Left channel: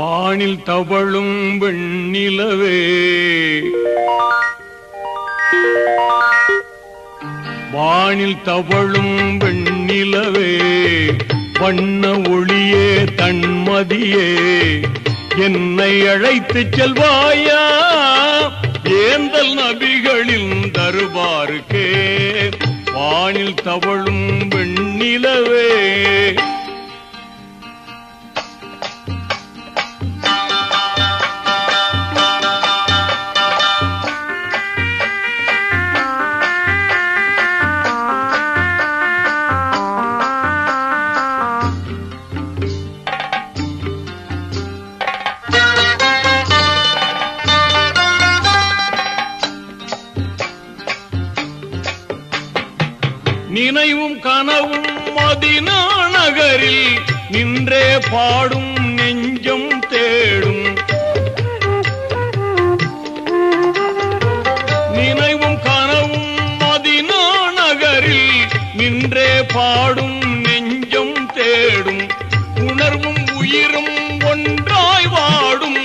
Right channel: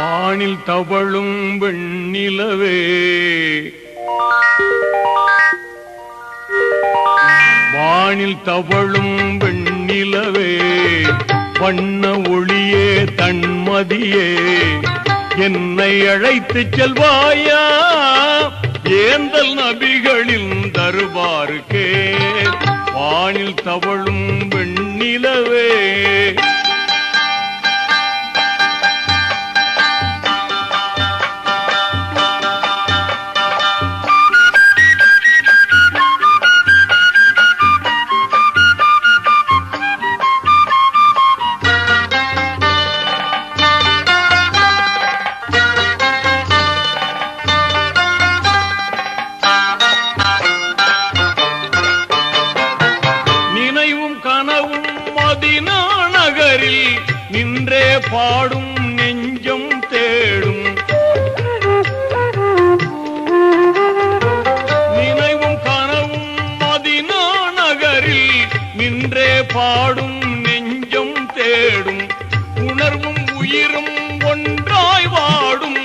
வானில் தவழும் வெண்ணிலவே, வானில் தவழும் வெண்ணிலவே, வண்ண ஒளியே தன்மதியே, என்னை அழைத்துச் செல்வாயா ஏந்தல் நபிகளின் தர்பாருக்கே. வானில் தவழும் வெண்ணிலவே, நினைவும் கனவும் மதீனா நகரில் நின்றே பாடும் நெஞ்சம் தேடும். நினைவும் கனவும் மதீனா நகரில் நின்றே பாடும் நெஞ்சம் தேடும். உணர்வும் உயிரும் ஒன்றாய் வாடும்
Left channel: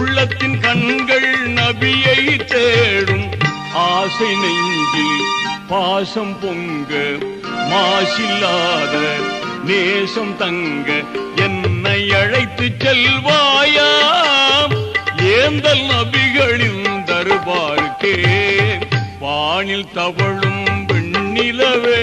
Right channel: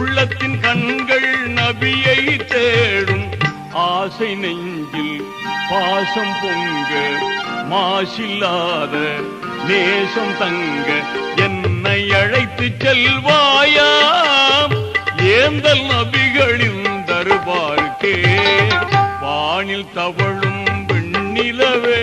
உள்ளத்தின் கண்கள் நபியை தேடும். ஆசை நெஞ்சில் பாசம் பொங்க மாசில்லாத நேசம் தங்க என்னை அழைத்து செல்வாயா ஏந்தல் நபிகளின் தர்பாருக்கே. வானில் தவழும் வெண்ணிலவே,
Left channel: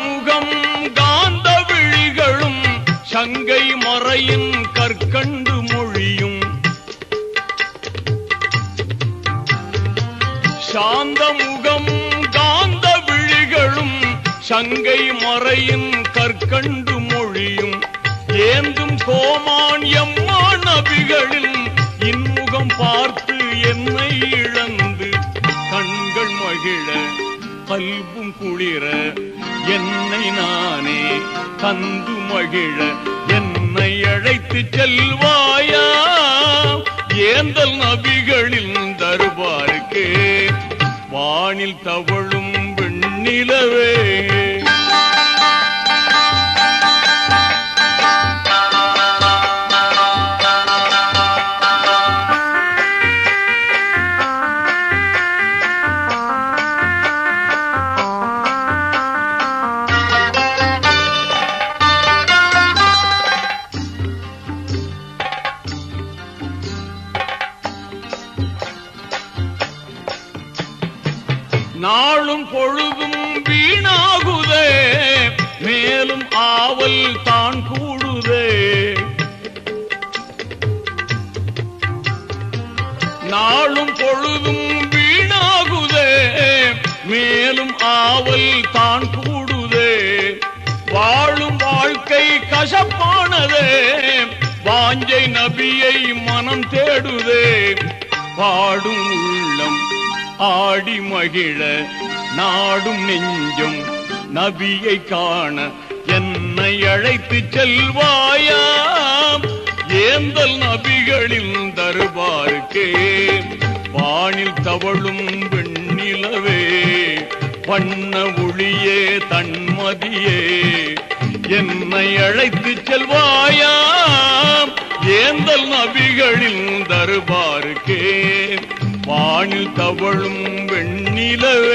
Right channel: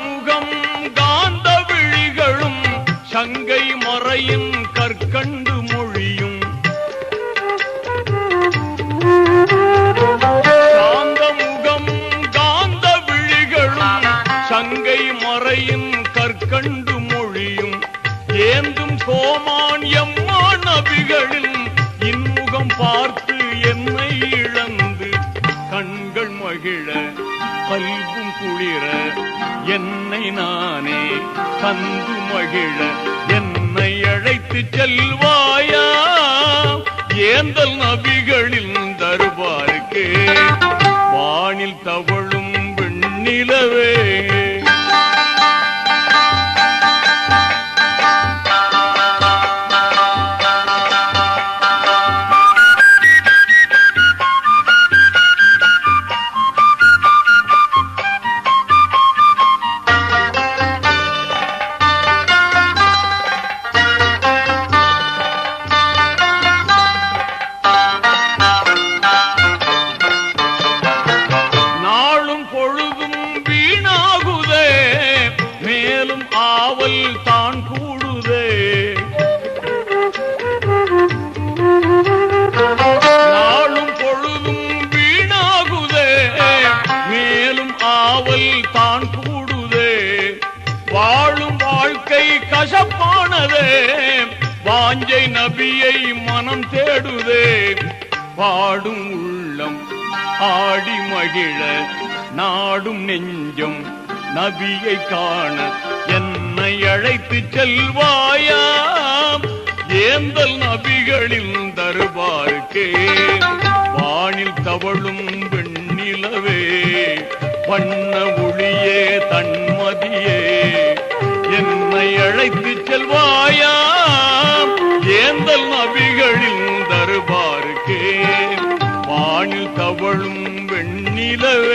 முகம் காந்த விழிகளும் சங்கை மறையின் கற்கண்டு மொழியும். சாந்த முகம் காந்த விழிகளும் சங்கை மறையின் கற்கண்டு மொழியும். ஏந்தும் கோமான் எம்மா நபிகளின் இன்முகம் பார்த்து என்னை இழந்து கண்கள் மகிழ கல்பும் குளிர என்னை நானே தந்து மகிழ என்னை அழைத்து செல்வாயா ஏந்தல் நபிகளின் தர்பாருக்கே. வானில் தவழும் வெண்ணிலவே, பொழுதும் வீணாகுதே மேலும் ஆவல் தான் கூடுதே. நாளும் பொழுதும் வீணாகுதே மேலும் ஆவல் தான் கூடுதே. வாழும் வாழ்க்கை கசப்பானதே வாஞ்சை நபியை மனம் தேடுதே. பாடும் உள்ளம் ஆடி மகிழ நாடும் நெஞ்சம் நபியை காண என்னை அழைத்து செல்வாயா ஏந்தல் நபிகளின் தர்பாருக்கே. வானில் தவழும் வெண்ணிலவே, வண்ண ஒளியே தன்மதியே, என்னை அழைத்து செல்வாயா ஏந்தல் நபிகளின் தர்பாருக்கே. வானில் தவழும் வெண்ணிலவே.